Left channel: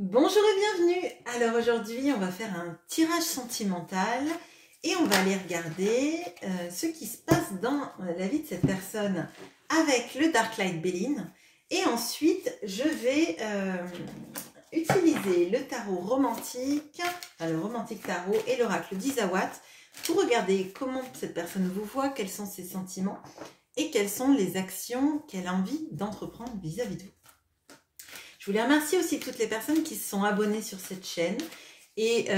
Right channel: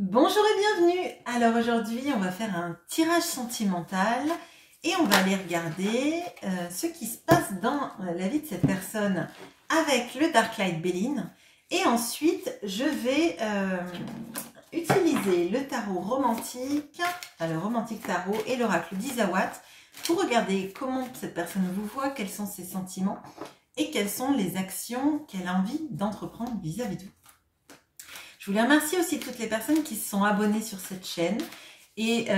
Bonjour et bienvenue. Alors aujourd'hui on va faire un tirage sentimental et on va aller regarder ce qui se passe dans la vie de cette personne avec le Dark Light Béline. Et ensuite je vais utiliser le tarot romantique, le romantique tarot et l'oracle d'Isawat pour regarder comment cette personne vous voit, quels sont ses sentiments et quelles sont les actions qu'elle a envie d'entreprendre vis-à-vis de vous. Je voulais remercier aussi toutes les personnes qui se sont abonnées sur cette chaîne et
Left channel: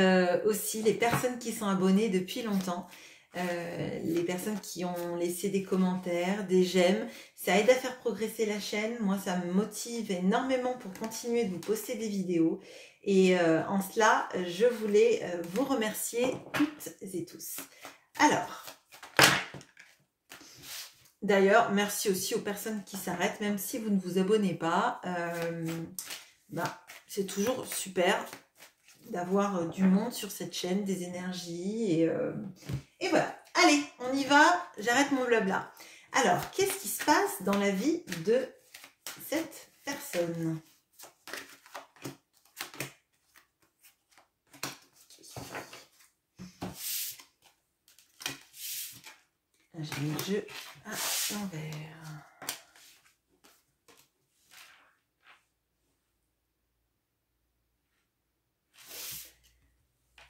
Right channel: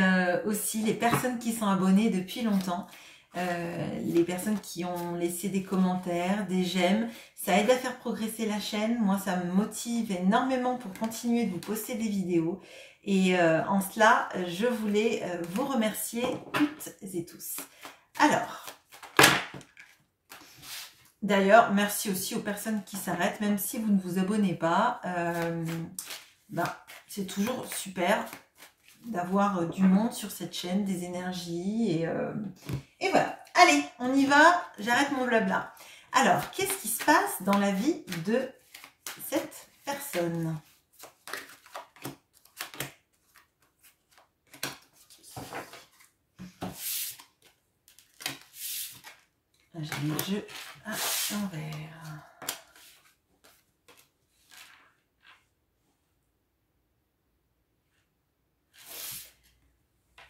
aussi les personnes qui sont abonnées depuis longtemps, les personnes qui ont laissé des commentaires, des j'aime. Ça aide à faire progresser la chaîne. Moi, ça me motive énormément pour continuer de vous poster des vidéos. Et en cela, je voulais vous remercier toutes et tous. Alors, d'ailleurs, merci aussi aux personnes qui s'arrêtent, même si vous ne vous abonnez pas. C'est toujours super d'avoir du monde sur cette chaîne, des énergies. Et voilà. Allez, on y va. J'arrête mon blabla. Alors, qu'est-ce qui se passe dans la vie de cette personne ? J'ai mis le jeu à l'envers.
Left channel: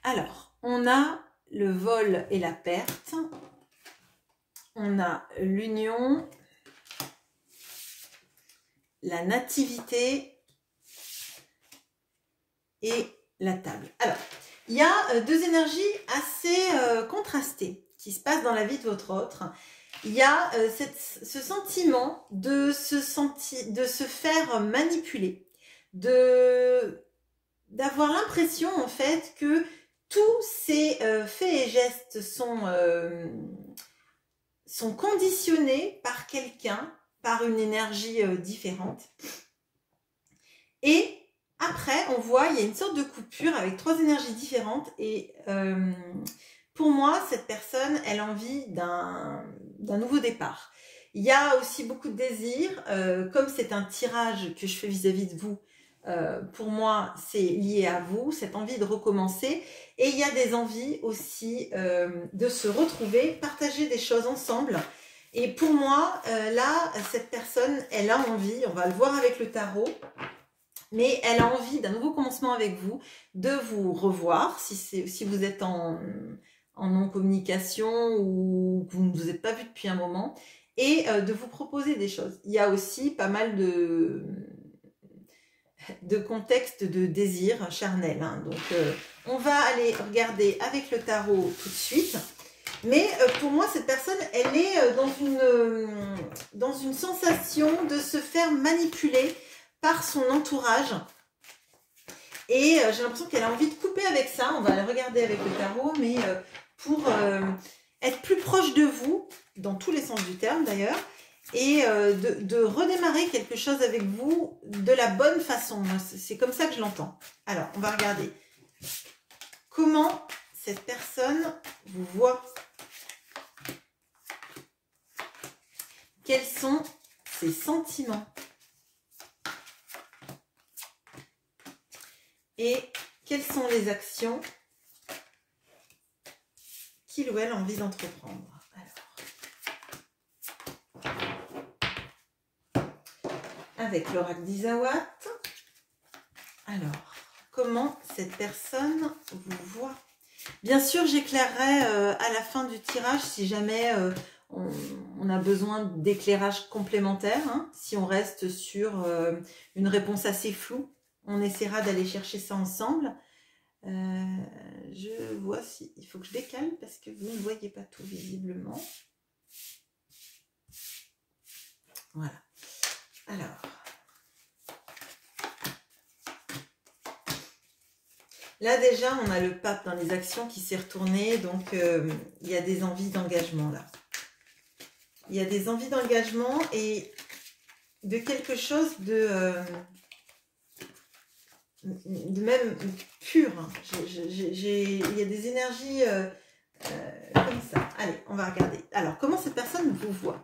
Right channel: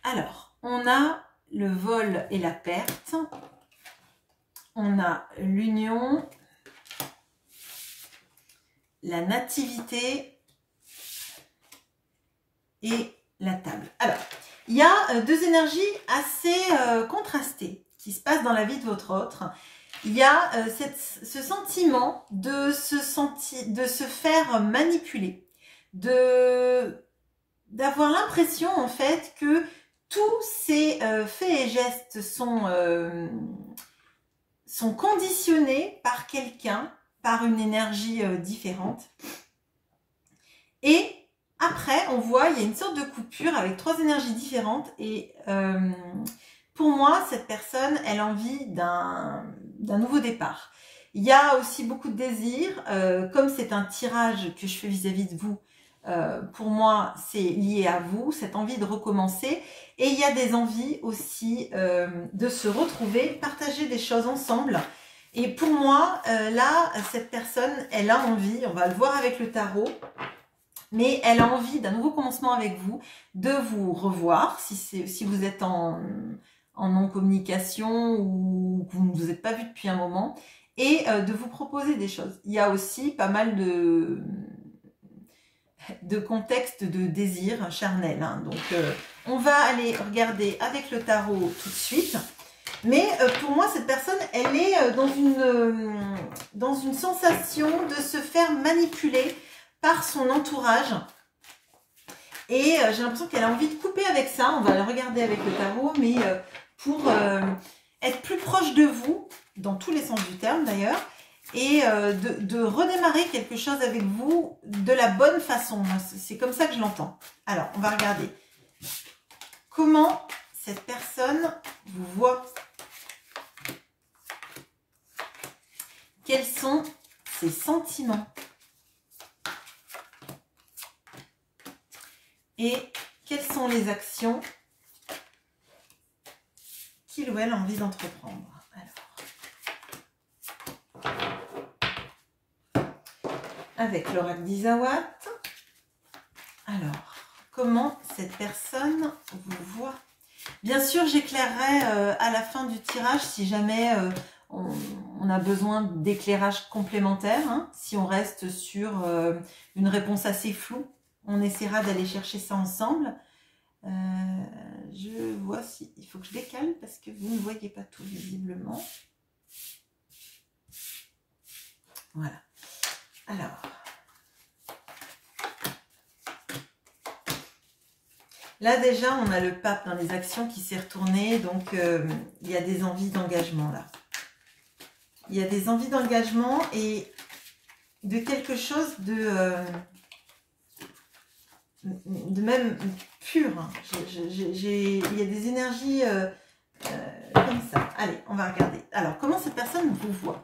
Alors, on a le vol et la perte. On a l'union, la nativité et la table. Alors, il y a deux énergies assez contrastées qui se passent dans la vie de votre autre. Il y a ce sentiment de se faire manipuler, d'avoir l'impression en fait que tous ces faits et gestes sont conditionnés par quelqu'un, par une énergie différente. Et après, on voit, il y a une sorte de coupure avec trois énergies différentes. Et pour moi, cette personne, elle a envie d'un nouveau départ. Il y a aussi beaucoup de désirs. Comme c'est un tirage que je fais vis-à-vis de vous, pour moi, c'est lié à vous, cette envie de recommencer. Et il y a des envies aussi de se retrouver, partager des choses ensemble. Et pour moi, là, cette personne, elle a envie, on va le voir avec le tarot, mais elle a envie d'un nouveau commencement avec vous, de vous revoir, si vous êtes en non-communication ou que vous ne vous êtes pas vu depuis un moment, et de vous proposer des choses. Il y a aussi pas mal de contexte de désir charnel. Hein. Donc, on va aller regarder avec le tarot tout de suite. Mais pour moi, cette personne, elle est dans une sensation de se faire manipuler par son entourage. Et j'ai l'impression qu'elle a envie de couper avec ça. On va aller regarder avec le tarot, mais pour être plus proche de vous, dans tous les sens du terme d'ailleurs, et de redémarrer quelque chose avec vous de la bonne façon. C'est comme ça que je l'entends. Alors, on va regarder comment cette personne vous voit. Quels sont ses sentiments? Et quelles sont les actions qu'il ou elle a envie d'entreprendre? Avec l'oracle d'Isawat. Alors, comment cette personne vous voit? Bien sûr, j'éclairerai à la fin du tirage si jamais on a besoin d'éclairage complémentaire. Hein. Si on reste sur une réponse assez floue, on essaiera d'aller chercher ça ensemble. Je vois si... Il faut que je décale parce que vous ne voyez pas tout visiblement. Voilà. Alors, là déjà, on a le pape dans les actions qui s'est retourné, donc il y a des envies d'engagement là. Il y a des envies d'engagement et de quelque chose de même pur. Hein. Il y a des énergies comme ça. Allez, on va regarder. Alors, comment cette personne vous voit?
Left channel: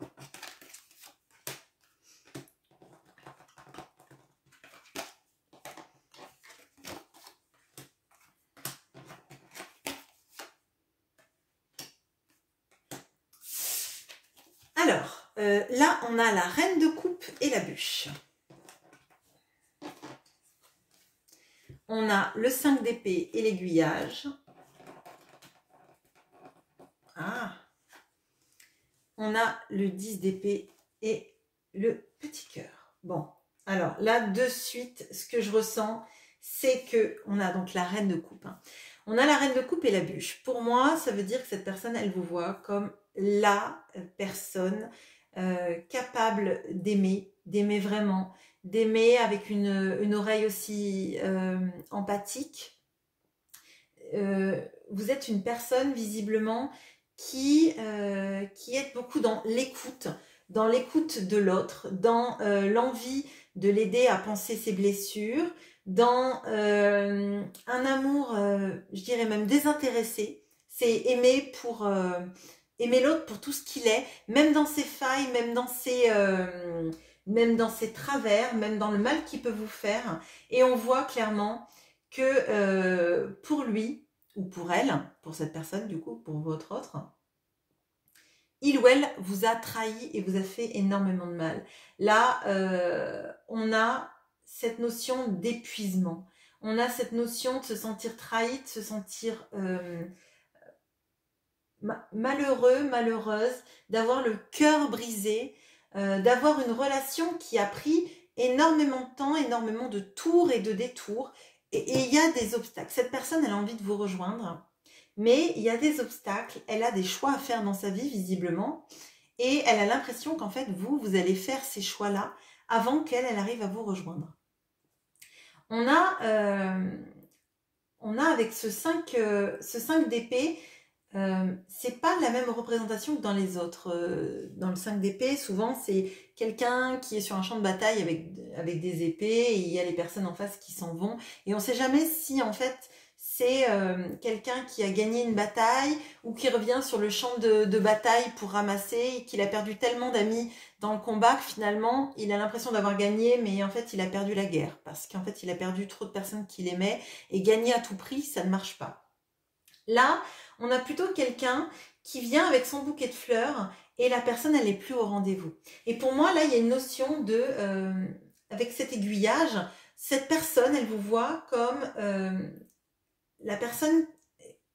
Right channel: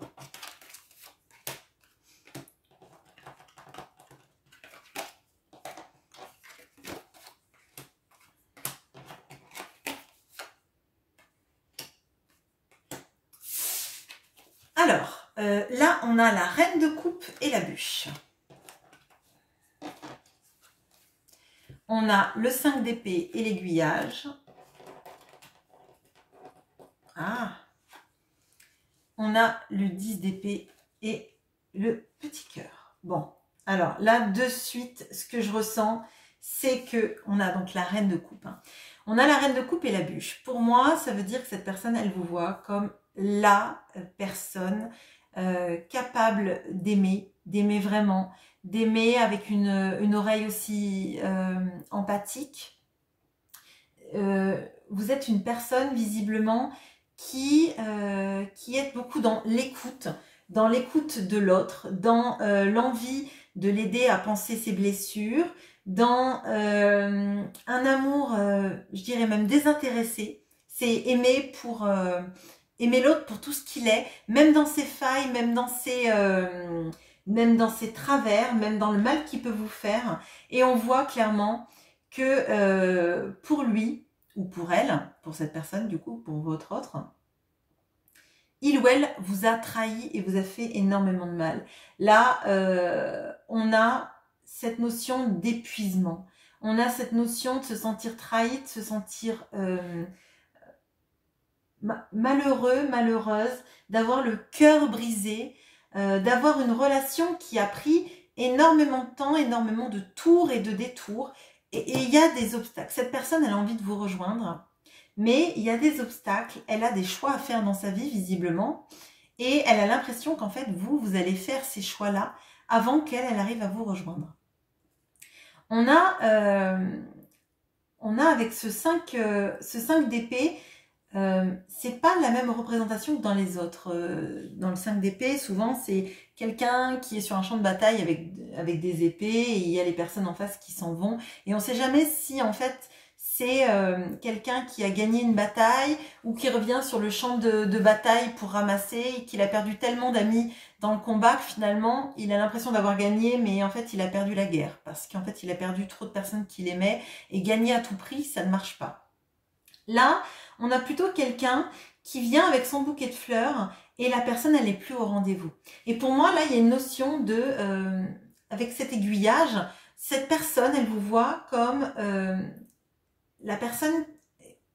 là, on a la reine de coupe et la bûche. On a le 5 d'épée et l'aiguillage. Ah. On a le 10 d'épée et le petit cœur. Bon, alors là, de suite, ce que je ressens, c'est que on a donc la reine de coupe. Hein. On a la reine de coupe et la bûche. Pour moi, ça veut dire que cette personne, elle vous voit comme la personne capable d'aimer vraiment, d'aimer avec une oreille aussi empathique. Vous êtes une personne visiblement qui est beaucoup dans l'écoute de l'autre, dans l'envie de l'aider à panser ses blessures, dans un amour, je dirais même désintéressé. C'est aimer pour aimer l'autre pour tout ce qu'il est, même dans ses failles, même dans ses travers, même dans le mal qu'il peut vous faire. Et on voit clairement que pour lui, ou pour elle, pour cette personne du coup, pour votre autre, il ou elle vous a trahi et vous a fait énormément de mal. Là, on a cette notion d'épuisement. On a cette notion de se sentir trahi, de se sentir malheureux, malheureuse, d'avoir le cœur brisé, d'avoir une relation qui a pris énormément de temps, énormément de tours et de détours. Et il y a des obstacles. Cette personne, elle a envie de vous rejoindre, mais il y a des obstacles. Elle a des choix à faire dans sa vie, visiblement. Et elle a l'impression qu'en fait, vous allez faire ces choix-là avant qu'elle arrive à vous rejoindre. On a avec ce 5 d'épée, c'est pas la même représentation que dans les autres. Dans le 5 d'épée, souvent, c'est quelqu'un qui est sur un champ de bataille avec des épées et il y a les personnes en face qui s'en vont. Et on ne sait jamais si, en fait, c'est quelqu'un qui a gagné une bataille ou qui revient sur le champ de bataille pour ramasser et qu'il a perdu tellement d'amis dans le combat que finalement, il a l'impression d'avoir gagné, mais en fait, il a perdu la guerre parce qu'en fait, il a perdu trop de personnes qu'il aimait et gagner à tout prix, ça ne marche pas. Là, on a plutôt quelqu'un qui vient avec son bouquet de fleurs et la personne, elle n'est plus au rendez-vous. Et pour moi, là, il y a une notion de, avec cet aiguillage, cette personne, elle vous voit comme la personne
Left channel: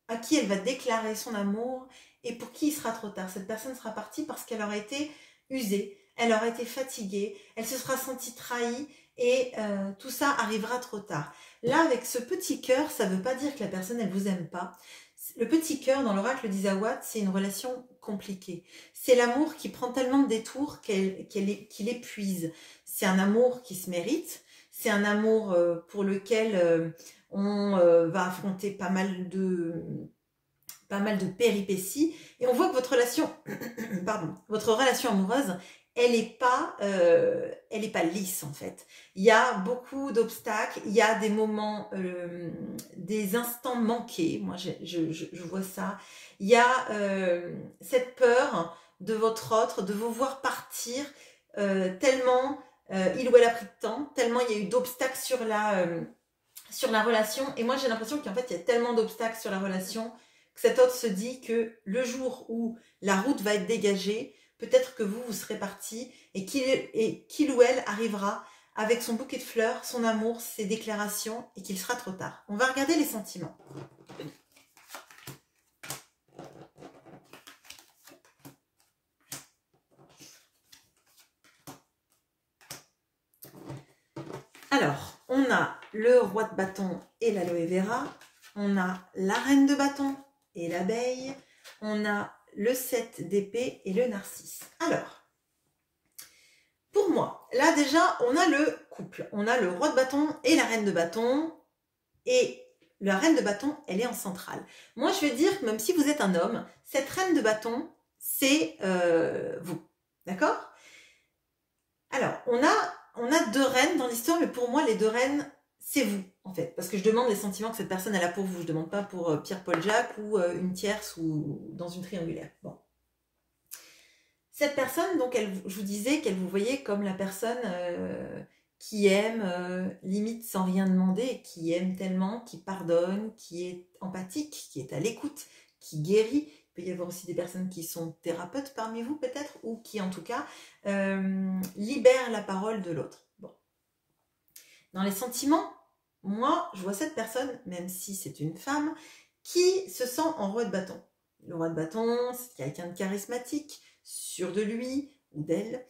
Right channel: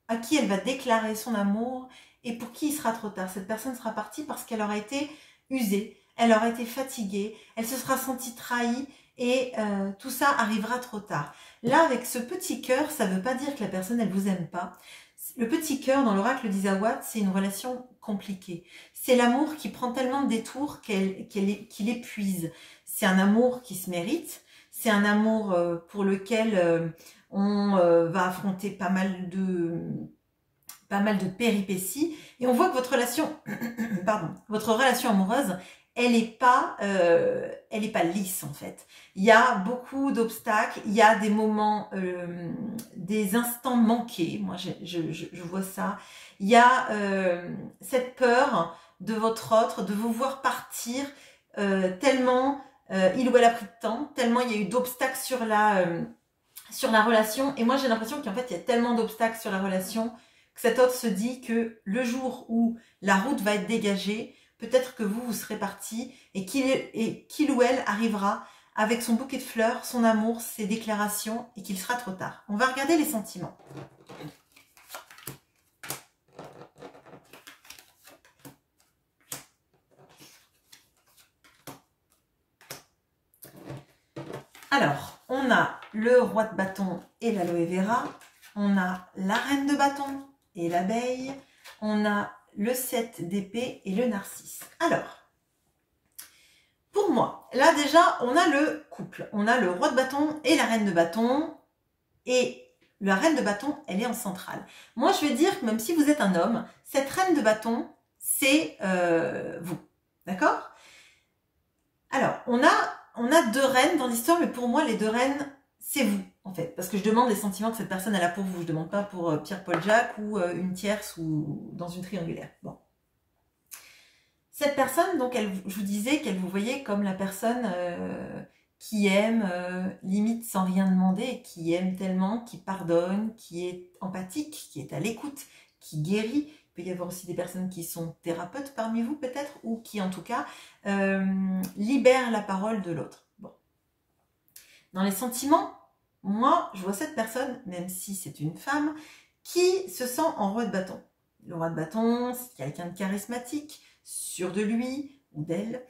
à qui elle va déclarer son amour et pour qui il sera trop tard. Cette personne sera partie parce qu'elle aura été usée, elle aura été fatiguée, elle se sera sentie trahie et tout ça arrivera trop tard. Là, avec ce petit cœur, ça ne veut pas dire que la personne, elle ne vous aime pas. Le petit cœur, dans l'oracle d'Isawat, c'est une relation compliquée. C'est l'amour qui prend tellement de détours qu'il épuise. C'est un amour qui se mérite. C'est un amour pour lequel on va affronter pas mal de péripéties. Et on voit que votre relation, votre relation amoureuse, elle n'est pas lisse en fait. Il y a beaucoup d'obstacles, il y a des moments, des instants manqués. Moi, je vois ça. Il y a cette peur de votre autre, de vous voir partir tellement il ou elle a pris de temps, tellement il y a eu d'obstacles sur la relation. Et moi, j'ai l'impression qu'en fait, il y a tellement d'obstacles sur la relation que cet autre se dit que le jour où la route va être dégagée, peut-être que vous serez parti et qu'il ou elle arrivera avec son bouquet de fleurs, son amour, ses déclarations et qu'il sera trop tard. On va regarder les sentiments. Alors, on a le roi de bâton et l'aloe vera. On a la reine de bâton et l'abeille. On a le 7 d'épée et le narcisse. Alors, pour moi, là déjà, on a le couple. On a le roi de bâton et la reine de bâton. Et la reine de bâton, elle est en centrale. Moi, je vais dire que même si vous êtes un homme, cette reine de bâton, c'est vous. D'accord? Alors, on a deux reines dans l'histoire, mais pour moi, les deux reines, c'est vous, en fait. Parce que je demande les sentiments que cette personne elle a pour vous. Je ne demande pas pour Pierre-Paul Jacques ou une tierce ou dans une triangulaire. Bon. Cette personne, donc, je vous disais qu'elle vous voyait comme la personne qui aime, limite sans rien demander, qui aime tellement, qui pardonne, qui est empathique, qui est à l'écoute, qui guérit, Il peut y avoir aussi des personnes qui sont thérapeutes parmi vous peut-être, ou qui en tout cas libèrent la parole de l'autre. Bon. Dans les sentiments, moi je vois cette personne, même si c'est une femme, qui se sent en roi de bâton. Le roi de bâton, c'est quelqu'un de charismatique, sûr de lui ou d'elle,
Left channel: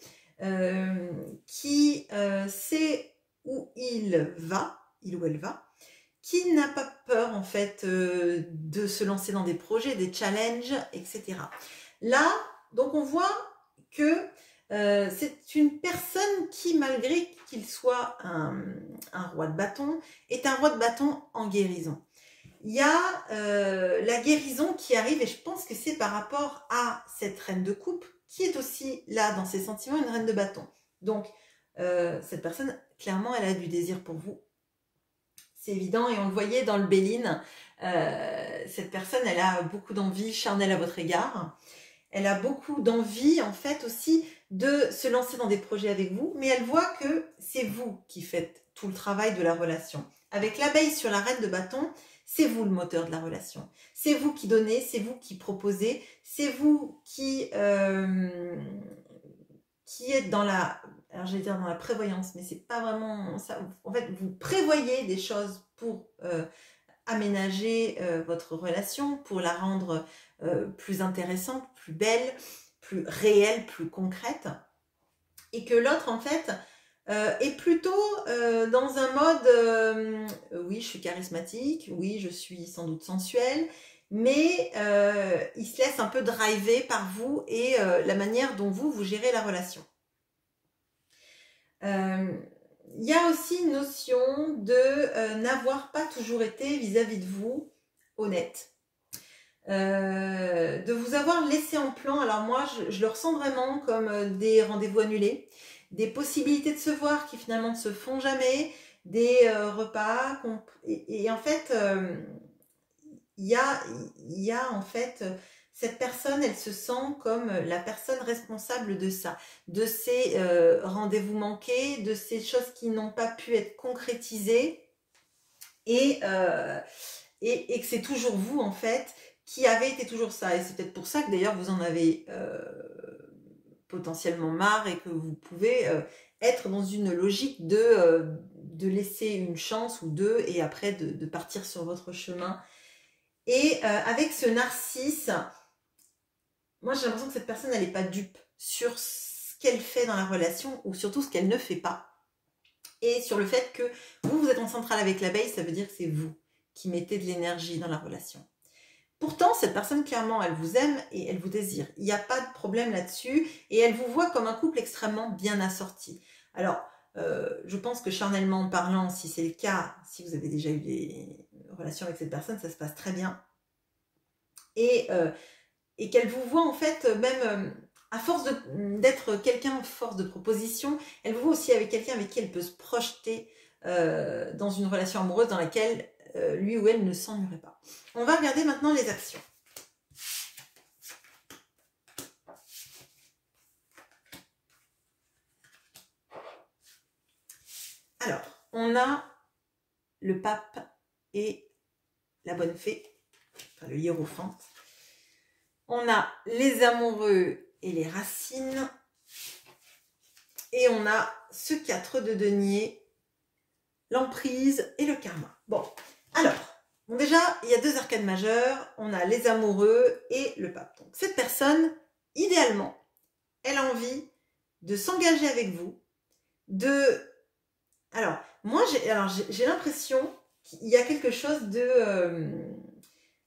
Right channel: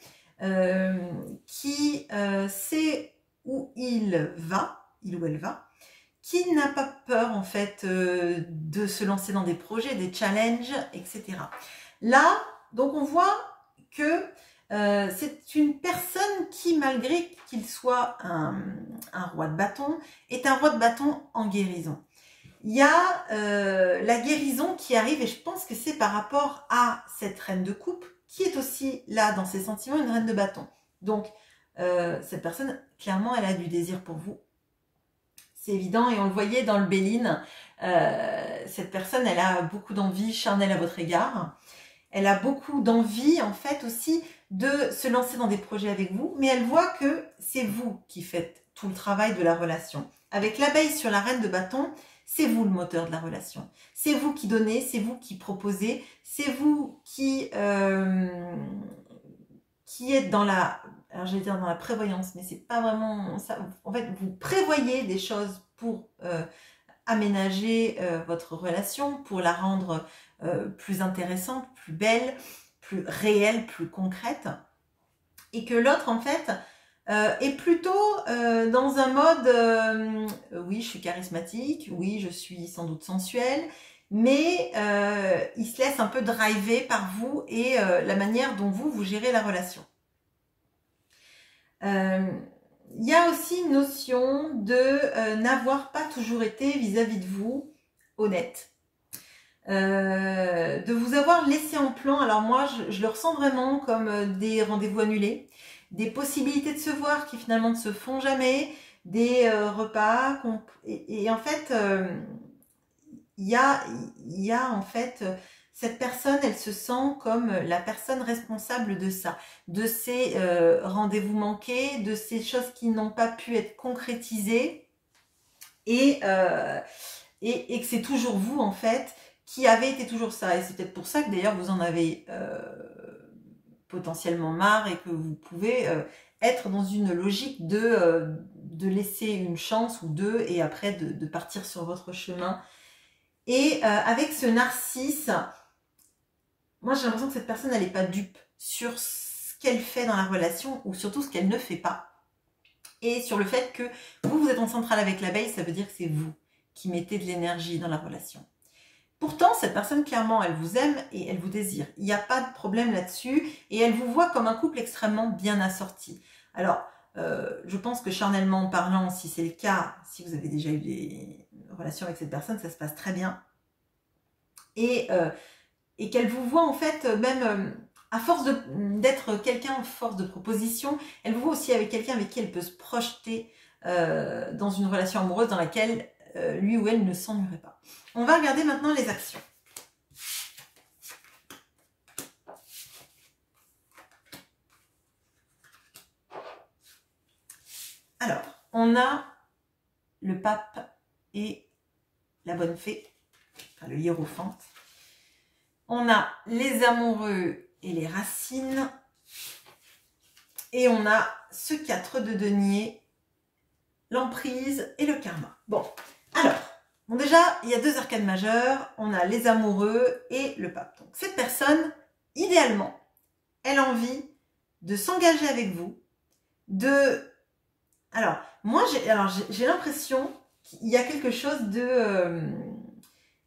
qui sait où il ou elle va, qui n'a pas peur en fait de se lancer dans des projets, des challenges, etc. Là, donc on voit que c'est une personne qui, malgré qu'il soit un roi de bâton, est un roi de bâton en guérison. Il y a la guérison qui arrive, et je pense que c'est par rapport à cette reine de coupe, qui est aussi là dans ses sentiments une reine de bâton. Donc cette personne, clairement, elle a du désir pour vous. C'est évident, et on le voyait dans le Béline, cette personne, elle a beaucoup d'envie charnelle à votre égard. Elle a beaucoup d'envie, en fait, aussi de se lancer dans des projets avec vous, mais elle voit que c'est vous qui faites tout le travail de la relation. Avec l'abeille sur la reine de bâton, c'est vous le moteur de la relation. C'est vous qui donnez, c'est vous qui proposez, c'est vous qui êtes dans la... Alors, je vais dire dans la prévoyance, mais c'est pas vraiment ça. En fait, vous prévoyez des choses pour aménager votre relation, pour la rendre plus intéressante, plus belle, plus réelle, plus concrète. Et que l'autre, en fait, est plutôt dans un mode oui, je suis charismatique, oui, je suis sans doute sensuelle, mais il se laisse un peu driver par vous et la manière dont vous gérez la relation. Il y a aussi une notion de n'avoir pas toujours été vis-à-vis de vous honnête. De vous avoir laissé en plan. Alors moi, je le ressens vraiment comme des rendez-vous annulés, des possibilités de se voir qui finalement ne se font jamais, des repas. Et en fait, il y a en fait... Cette personne, elle se sent comme la personne responsable de ça, de ces rendez-vous manqués, de ces choses qui n'ont pas pu être concrétisées et que c'est toujours vous, en fait, qui avez été toujours ça. Et c'est peut-être pour ça que d'ailleurs vous en avez potentiellement marre et que vous pouvez être dans une logique de laisser une chance ou deux et après de partir sur votre chemin. Et avec ce narcisse... Moi, j'ai l'impression que cette personne, elle n'est pas dupe sur ce qu'elle fait dans la relation ou surtout ce qu'elle ne fait pas. Et sur le fait que vous êtes en centrale avec l'abeille, ça veut dire que c'est vous qui mettez de l'énergie dans la relation. Pourtant, cette personne, clairement, elle vous aime et elle vous désire. Il n'y a pas de problème là-dessus et elle vous voit comme un couple extrêmement bien assorti. Alors, je pense que charnellement parlant, si c'est le cas, si vous avez déjà eu des relations avec cette personne, ça se passe très bien. Et qu'elle vous voit en fait, même à force d'être quelqu'un, force de proposition, elle vous voit aussi avec quelqu'un avec qui elle peut se projeter dans une relation amoureuse dans laquelle lui ou elle ne s'ennuierait pas. On va regarder maintenant les actions. Alors, on a le pape et la bonne fée, enfin le hiérophante. On a les amoureux et les racines. Et on a ce 4 de denier, l'emprise et le karma. Bon, alors, déjà, il y a deux arcanes majeures. On a les amoureux et le pape. Donc, cette personne, idéalement, elle a envie de s'engager avec vous. Alors, moi, j'ai l'impression qu'il y a quelque chose de...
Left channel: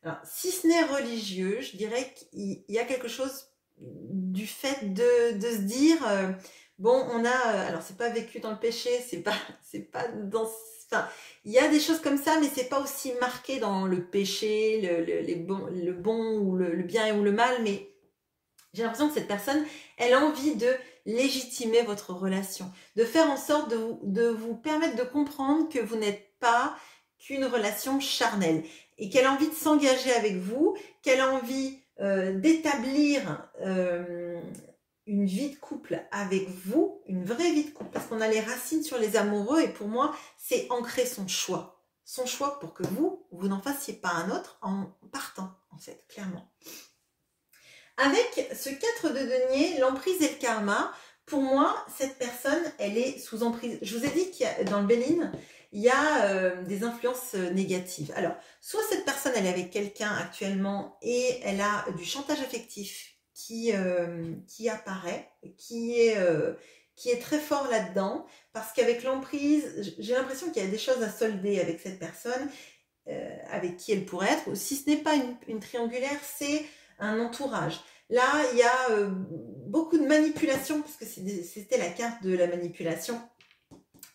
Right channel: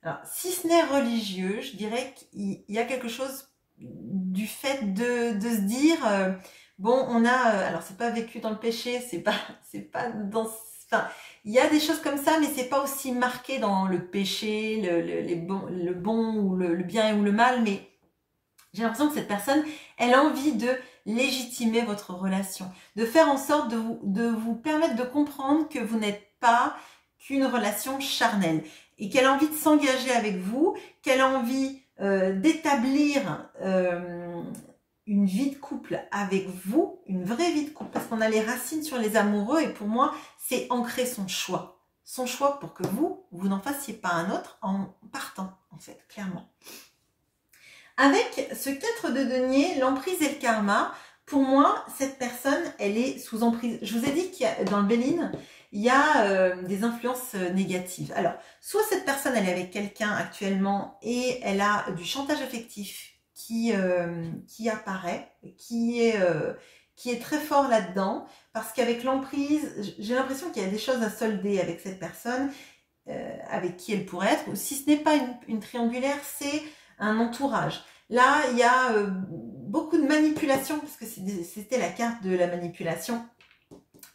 Alors, si ce n'est religieux, je dirais qu'il y a quelque chose du fait de se dire, bon, on a, alors c'est pas vécu dans le péché, c'est pas dans, enfin, il y a des choses comme ça, mais c'est pas aussi marqué dans le péché, le bon ou le bien ou le mal, mais j'ai l'impression que cette personne, elle a envie de légitimer votre relation, de faire en sorte de vous permettre de comprendre que vous n'êtes pas qu'une relation charnelle et qu'elle a envie de s'engager avec vous, qu'elle a envie d'établir une vie de couple avec vous, une vraie vie de couple, parce qu'on a les racines sur les amoureux et pour moi, c'est ancrer son choix pour que vous n'en fassiez pas un autre en partant, en fait, clairement. Avec ce 4 de denier, l'emprise et le karma, pour moi, cette personne, elle est sous emprise. Je vous ai dit qu'il y a, dans le Béline, il y a des influences négatives. Alors, soit cette personne, elle est avec quelqu'un actuellement et elle a du chantage affectif qui apparaît, qui est très fort là-dedans, parce qu'avec l'emprise, j'ai l'impression qu'il y a des choses à solder avec cette personne, avec qui elle pourrait être, ou si ce n'est pas une triangulaire, c'est un entourage. Là, il y a beaucoup de manipulation, parce que c'était la carte de la manipulation.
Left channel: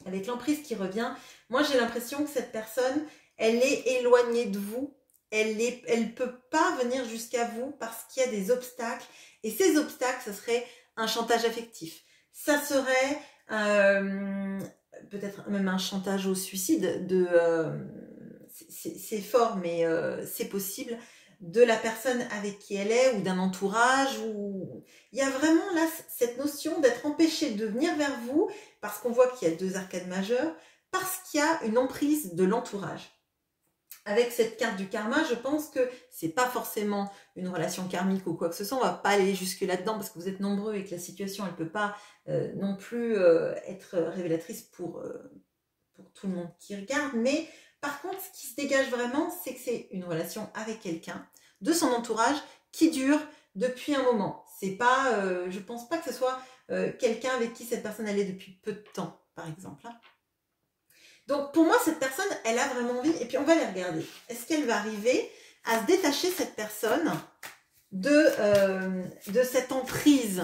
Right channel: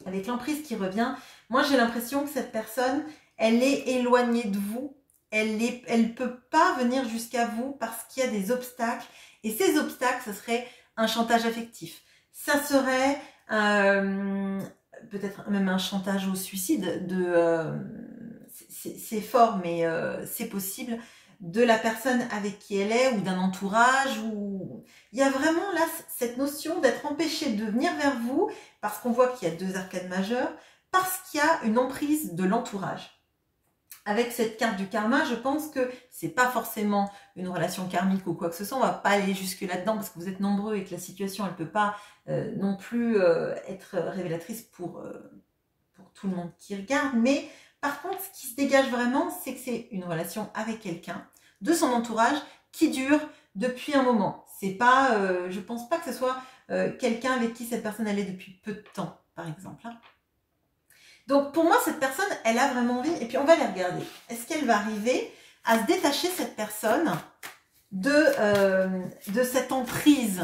Avec l'emprise qui revient, moi j'ai l'impression que cette personne, elle est éloignée de vous. Elle peut pas venir jusqu'à vous parce qu'il y a des obstacles. Et ces obstacles, ce serait un chantage affectif. Ça serait peut-être même un chantage au suicide. C'est fort, mais c'est possible. De la personne avec qui elle est ou d'un entourage. Il y a vraiment là cette notion d'être empêché de venir vers vous parce qu'on voit qu'il y a 2 arcades majeures, parce qu'il y a une emprise de l'entourage. Avec cette carte du karma, je pense que c'est pas forcément une relation karmique ou quoi que ce soit. On va pas aller jusque là-dedans parce que vous êtes nombreux et que la situation, elle peut pas non plus être révélatrice pour tout le monde qui regarde. Mais par contre, ce qui se dégage vraiment, c'est que c'est une relation avec quelqu'un de son entourage qui dure depuis un moment. C'est pas, je pense pas que ce soit quelqu'un avec qui cette personne allait depuis peu de temps, par exemple. Hein. Donc pour moi, cette personne, elle a vraiment envie, et puis on va les regarder. Est-ce qu'elle va arriver à se détacher, cette personne, de cette emprise?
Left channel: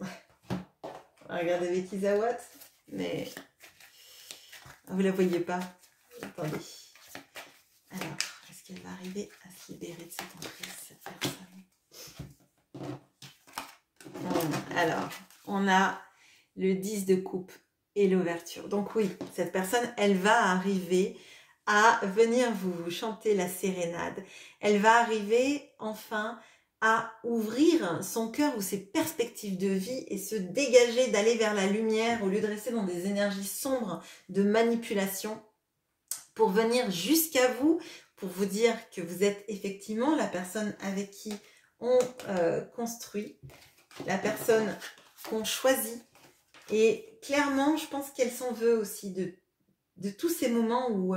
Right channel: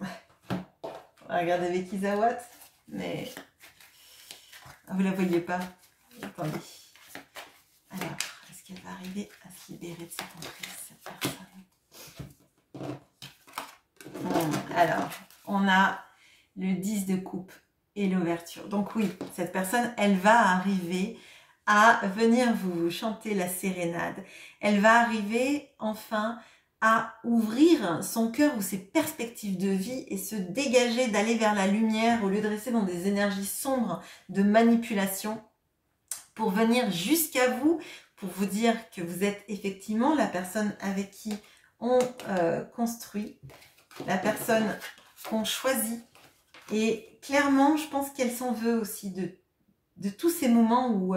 On va regarder avec Isawa, mais vous la voyez pas. Attendez. Alors, est-ce qu'elle va arriver à se libérer de cette emprise, cette personne? Alors, on a le 10 de coupe et l'ouverture. Donc oui, cette personne, elle va arriver à venir vous chanter la sérénade. Elle va arriver enfin à ouvrir son cœur ou ses perspectives de vie et se dégager, d'aller vers la lumière au lieu de rester dans des énergies sombres de manipulation pour venir jusqu'à vous, pour vous dire que vous êtes effectivement la personne avec qui on construit, la personne qu'on choisit. Et clairement, je pense qu'elle s'en veut aussi de tous ces moments où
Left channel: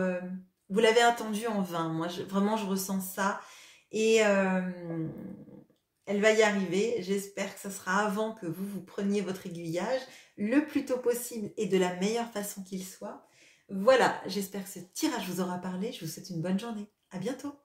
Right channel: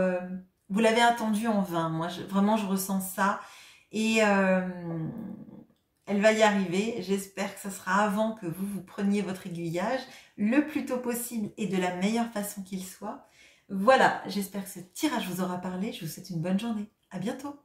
vous l'avez attendu en vain. Moi, vraiment, je ressens ça. Et elle va y arriver. J'espère que ce sera avant que vous preniez votre aiguillage le plus tôt possible et de la meilleure façon qu'il soit. Voilà, j'espère que ce tirage vous aura parlé. Je vous souhaite une bonne journée. À bientôt.